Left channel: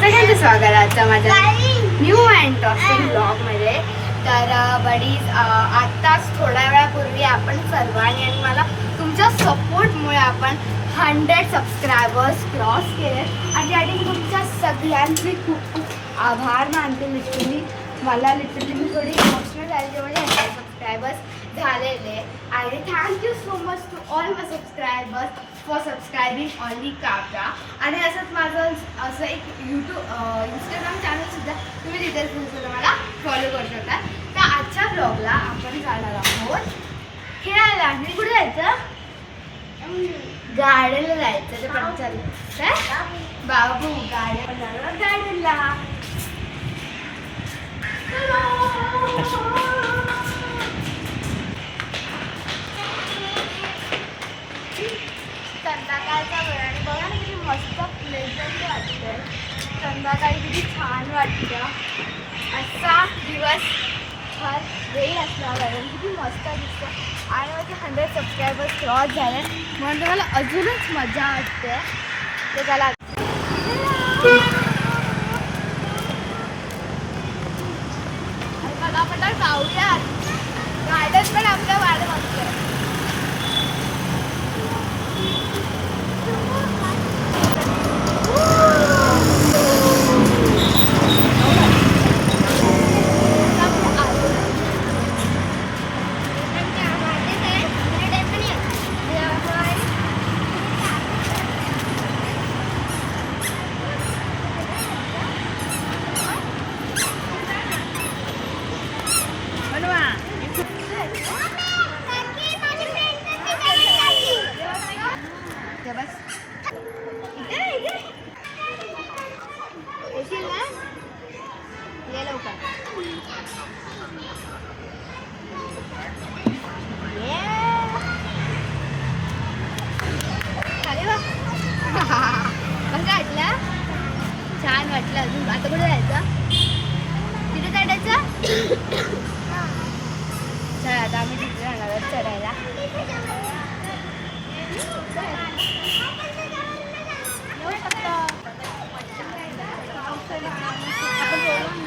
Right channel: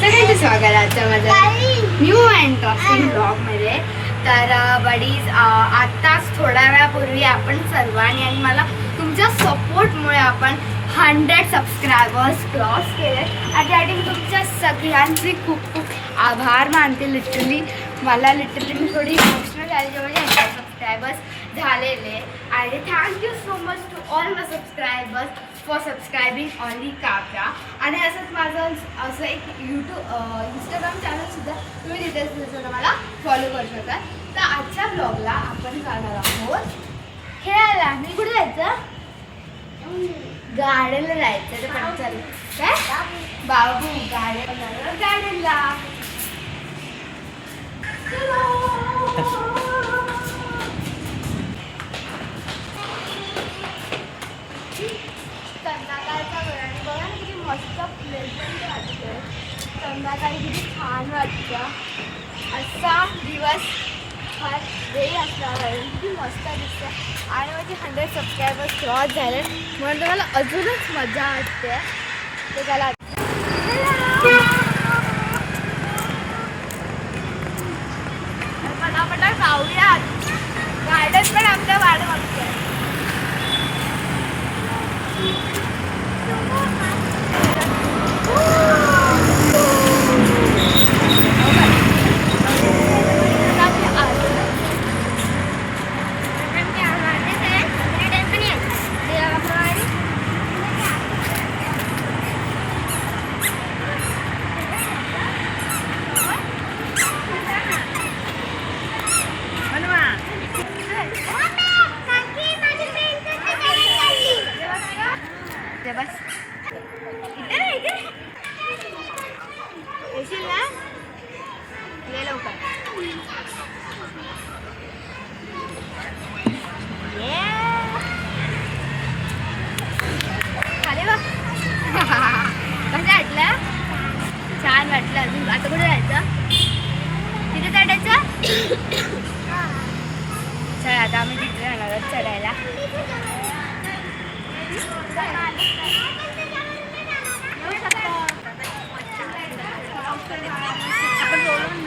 सगळ्यांचं स्वागत आहे आजचा माझा न्यू अँड इंटरेस्टिंग ब्लॉगमध्ये. तर बडीज आत्ताच थोड्या वेळापूर्वी आपण सर्वांनी आणि मला तुमच्या सपोर्टमुळे आपण 100 सबस्क्रायबर्स क्रॉस केले आणि त्यासाठी तुमच्या सगळ्यांचे खूप खूप आभार मानते. लिटरली मी थोडी इमोशनल झाली म्हणजे 100 सबस्क्रायबर्स झालेले. आणि thank you so much to all my subscribers for subscribing only Kavya. आणि असंच माझं असं एक इंस्टाग्राम चॅनलसुद्धा तुम्ही तिथेसुद्धा मला फॉलो करू शकता. तर आजच्या ब्लॉगला आपण जाणार आहोत खेळायला. मी कुठे जायचं? गार्डनला जायचं. तर पण चालेल काय बाबू गार्डनला संध्याकाळचा वेळ आणि बघा ना किती मस्त प्लेझंट वाटतंय. संध्याकाळी किती छान वाटतं. असा दिवस फार वेळ असल्यावर किती मस्त दिसतं. आणि माझी 100 सबस्क्रायबर्स क्रॉस झाले म्हणून तर मला अजूनच मजा वाटते. ते त्याला पटापटा जाऊयात. गार्डन पण आमच्या वाट बघतोय. बस इथे येशील ना? ये लवकर. ये खाली बघ. कसं वाटलं? छान वाटलं. अजून आता कुठे जायचं? तिथे चढायचं? चल आता आम्ही तिथे जाणार आहोत चढायला. आपण बोलून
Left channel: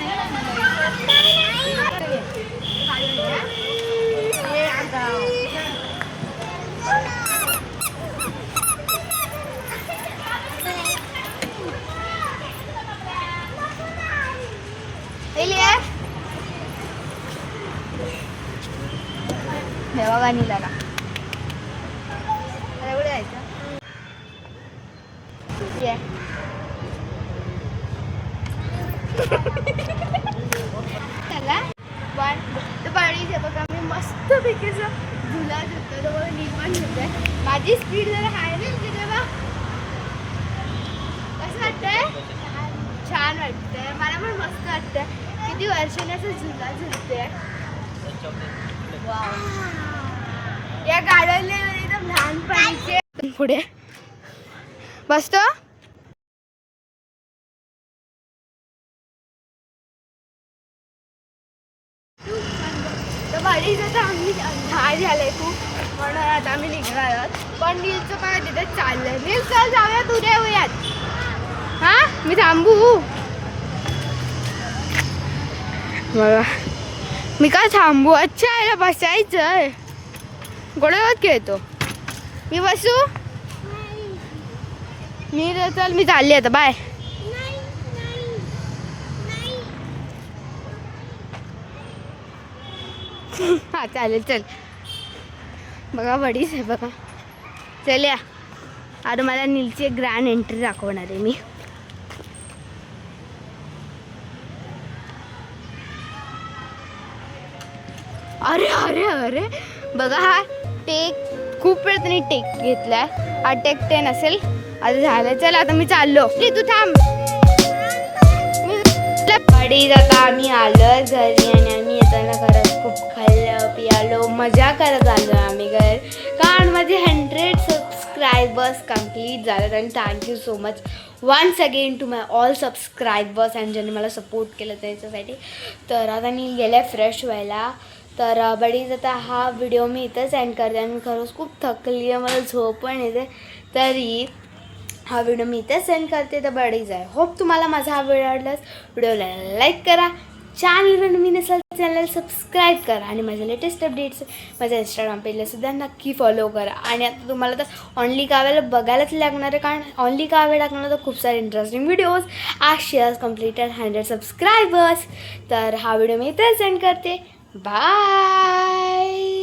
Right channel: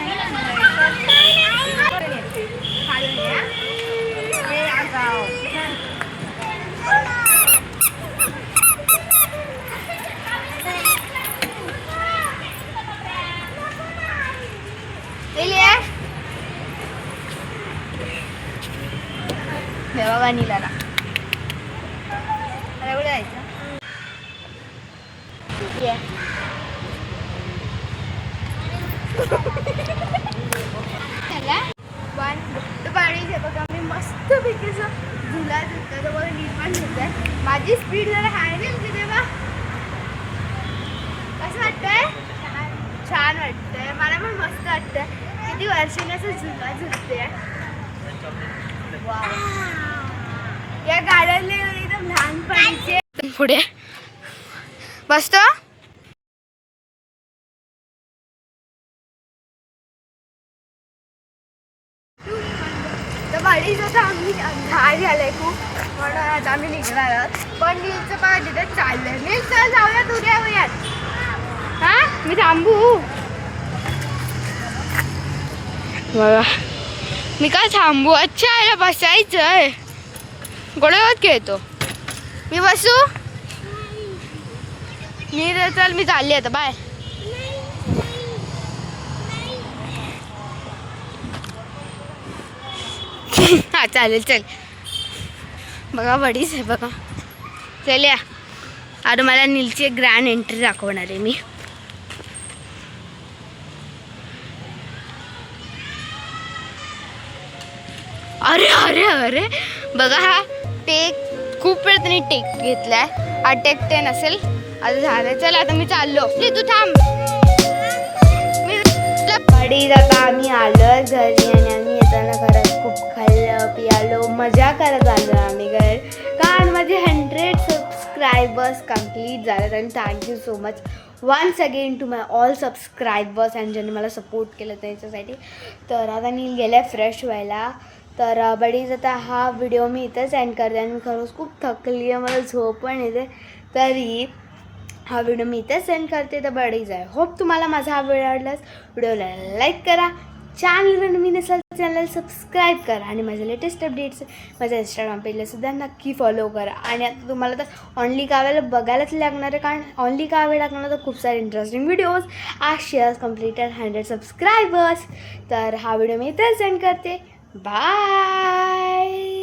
नाही बाबा नीलाला आता एवढं जायचं. ये तर पाणी बघा मी मस्त पैकी झुला झुलतो. तर बघा नीट पण झुलतोय. माझी स्पीड जरा हाय नाही होती तेव्हा. कसं वाटतंय? छान वाटतंय. मला पण मस्त वाटतं. किती वर्षाने असं झुला झुलते. या गार्डनला एकदम लहानपणीचे पुढे बसतो. तर बाळीच आता आम्ही अंधार झालाय खूप म्हणून आता आम्ही निघणार आहोत. पण नीलचं पाय तिथे चाललंय. नील चल जाऊया तुझ्या वयात. हा मी थांबू बघा. मी काय थांबू? अच्छा याला बसायचं आहे. गोळ्यावर खेळतो मी. बसू? नील चल मी चालली आता. बाय. हा चालेल चल. बघा बडीच आहे बघा. चल या. आता मला नीलची एक ग्रँड एंट्री दाखवणार आहे मी. अरे अरे अरे बघा हा टेक खूप वेळ त्यांनी टेक घेतलाय. हा टेक 10 असेल. आता झालं. चल आता मी चाललो. तू थांब. बडीज आता आम्ही आलो घरी आणि आम्ही येताना घरात खूप खाल्लं पियालो मजा करत आलो आम्ही घर. कारण माझे 100 सबस्क्रायबर्स कंप्लीट झालेत. आणि thank you so much once again to my all subscribers आणि ज्यांनी मला सपोर्ट केलं त्याच्यासाठी. तर आता मी गेले फ्रेश व्हायला. तर बडीज आता हा व्हिडिओ मी इथंच एंड करते. आणि मी खरंच खूप थकली आहे. मला झोप पण येते. तरी हा व्हिडिओ मी इथे सेंड करते. तर बडीज आहे, होप तुम्हाला माझा हा व्हिडिओ आवडलास. व्हिडिओला लाईक करा, चॅनलवर नवीन असाल चॅनल सबस्क्राईब करा आणि माझ्या लेटेस्ट अपडेट्स माझ्या इंस्टाग्राम पेजला सुद्धा नक्की फॉलो करा. आणि आता तुम्हाला तर ओनली काव्याला बघायलाच लागणार आहे, कारण ओनली काव्य टाकणार तर खूप सारे इंटरेस्टिंग व्हिडिओज आज शेअर्स कम्प्लीटेड 100 सबस्क्रायबर्स. तर हा व्हिडिओ मी इथे सेंड करते. बाय.